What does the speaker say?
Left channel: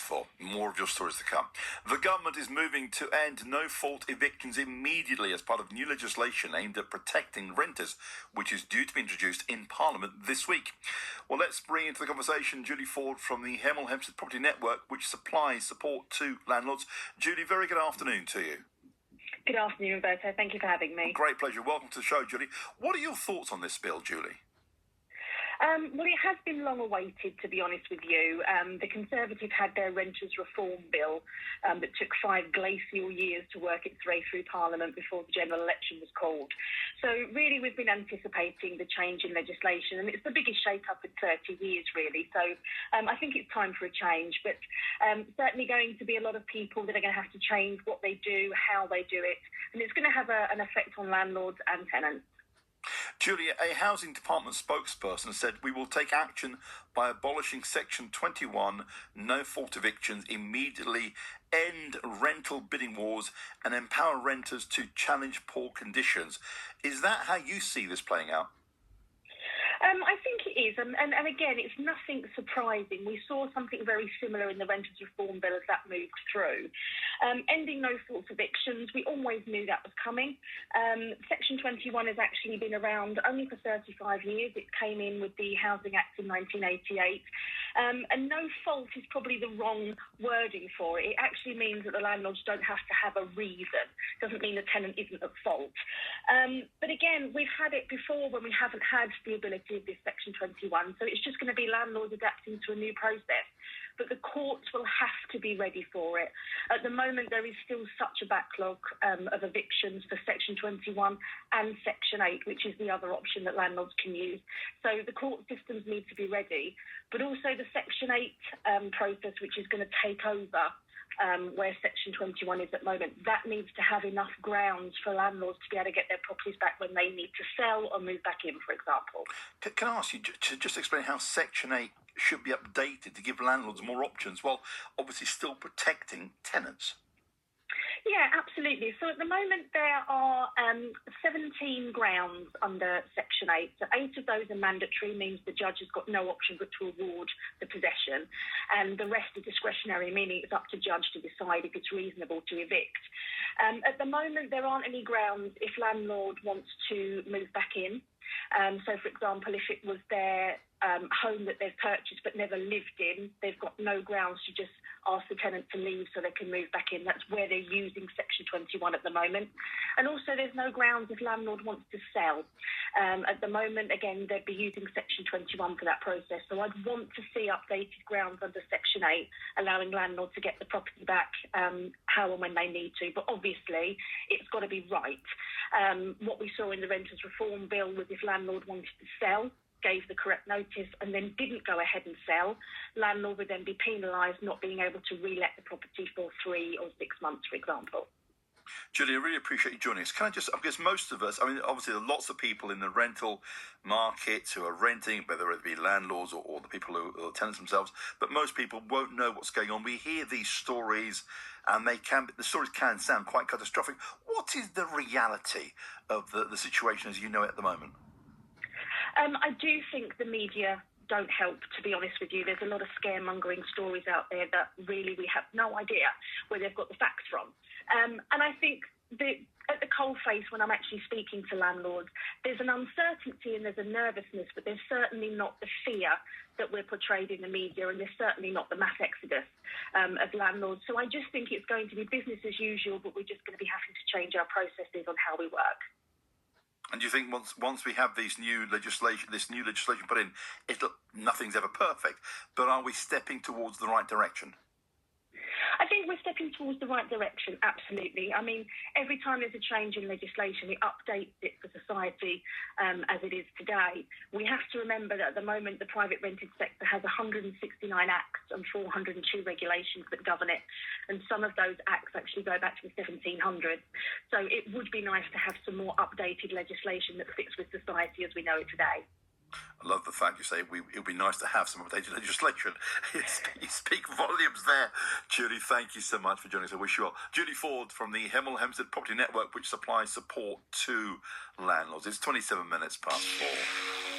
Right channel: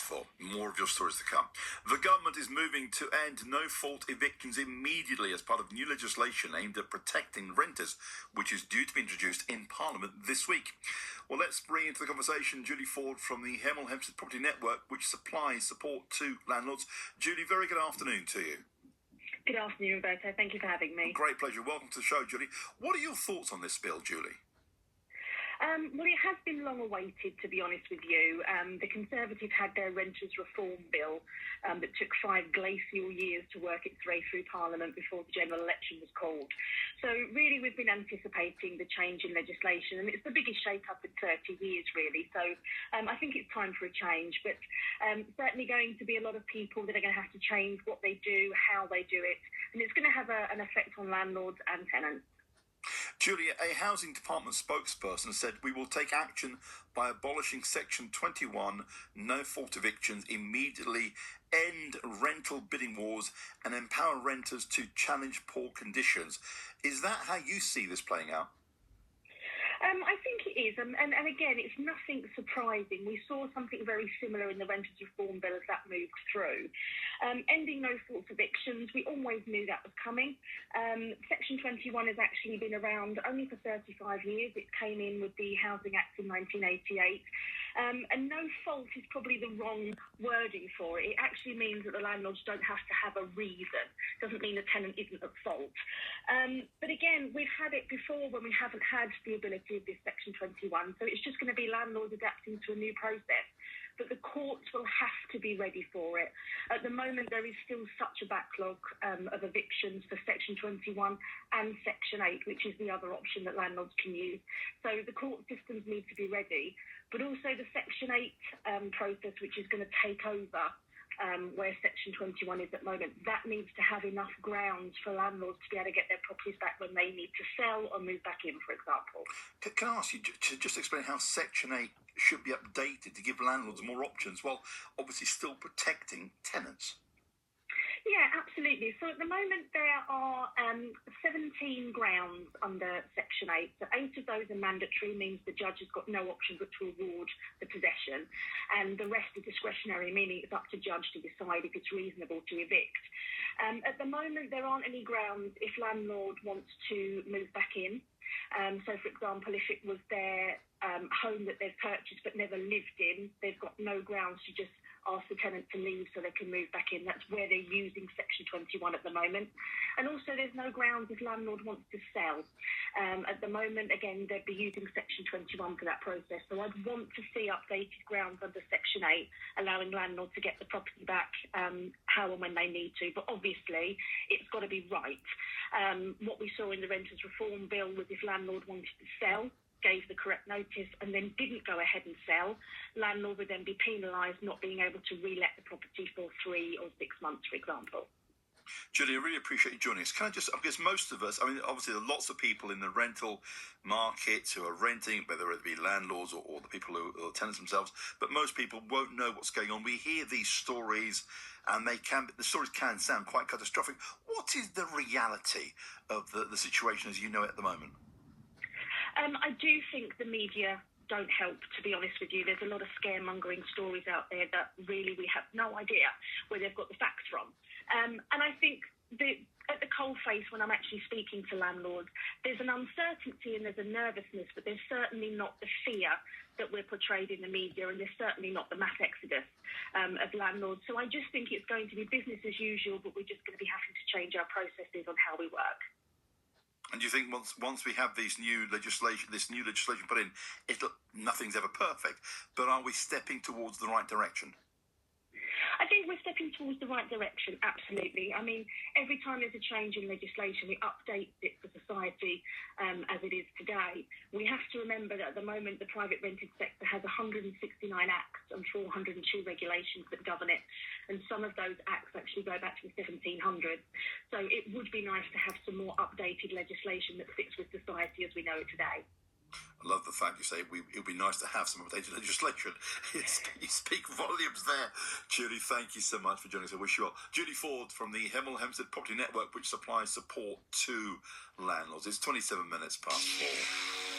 4. More of your stories to come. The government is moving to end no-fault evictions immediately as part of new legislation aimed at protecting renters, which is due to be introduced in Parliament this week. Well, let's bring into the conversation Julie Ford from the Hemel Hempstead Property Network, which supplies support to landlords. Julie, very good afternoon to you. Good afternoon, Roberto. Thank you for having me. Great pleasure. Welcome to the show, Julie. What are your thoughts on this bill, Julie? Well, it has been long awaited, to be honest with you. The Conservatives had their renters reform bill that took 5 glacial years to work its way through Parliament before the general election was called. So really, we've been anticipating the change in legislation, and it's the biggest shake-up in 30 years, really. So I think it's time for a change, but certainly going to be a lot of people that are going to have to change what they do, how they do it, and it's going to have an effect on landlords and tenants. Julia, a housing department spokesperson said we will take action by abolishing Section 21, no-fault evictions, immediately end rental bidding wars and empower renters to challenge poor conditions. Is that how you see this playing out? I think it is, and again, it's nothing surprising. We saw something very similar in the Renters Reform Bill as that moved through. Ending no-fault evictions, we always knew that was coming. Section 21 has actually been around only for 35 years. It came in with the Housing Act in 1988. And no fault is probably the wrong wording for it. It actually means that the landlords don't have to have a reason. It doesn't mean the tenant isn't at fault. But again, we've had it before when we haven't had the ability of this Section 21. So it's just going to be landlords adapting to a new process. But the courts will have to be ready for it. At the moment, there is still such a backlog of evictions for Section 21 and Section 8, which is the other option that landlords can use. So the court systems need to be ready, but also the Section 8 process, which is going to take over where Section 21 is at the moment, that needs to have enough grounds for landlords to be able to get their properties back when they need to sell or move back in, for example. Can I ask you to just explain how Section 8 should be updated to give landlords more options while obviously still protecting tenants? Yeah, absolutely. So at the moment there are 17 grounds under Section 8. So 8 of those are mandatory, means the judge has got no option but to award the possession. And the rest are discretionary, meaning it's up to judge to decide if it's reasonable to evict. At the moment, there aren't any grounds if landlord wants to move back in. So, for example, if it was their home that they've purchased but never lived in, they've got no grounds to just ask the tenant to leave so they can move back in. That's where they're using Section 21 at the moment. And also there's no grounds if landlord wants to sell. At the moment, again, they'd be using Section 21 for that process. So I'd want to see updated grounds under Section 8, allowing landlords to get the property back how and when they need to. But obviously, it's got to be right. What we saw in the Renters Reform Bill was if landlord wanted to sell, gave the correct notice and then didn't go ahead and sell, landlord would then be penalised not being able to re-let the property for 3 or 6 months, for example. Julie, I really appreciate you joining us. Can I just, because most of us, obviously there are lots of people in the rental market who are renting, whether it be landlords or the people who are tenants themselves, but most people won't know what's going on. We hear these stories and the stories can sound quite catastrophic. What is the reality of the situation as you know it at the moment? I do think the media don't help, to be honest with you. There's a lot of scaremongering stories out there that really we have no idea where they've got the facts from. And I think at the coalface, when I'm actually speaking to landlords, there's an uncertainty and there's a nervousness, but there's certainly not the fear that we're portrayed in the media, and there's certainly not the mass exodus of landlords. So I just think it's going to be business as usual, but we're just going to be having to change our processes on how we work. And do you think once we have this new legislation put in, nothing's ever perfect, but are we stepping towards the right direction? I think we're stepping towards the right direction, absolutely. I mean, every time there's a change in legislation, it updates it for society as it is today. We have to remember that at the moment, the private rented sector has 169 acts and 402 regulations that govern it. And some of those acts actually go back to the 1700s. So it would be nice to have some more updated legislation that fits with society as we know it today. I love the fact you say it would be nice to have some updated legislation. You speak volumes there. Julie, thank you so much for joining us. I wish you well. Julie Ford from the Hemel Hempstead Property Network, which supplies support to landlords. It's 27 minutes past 4.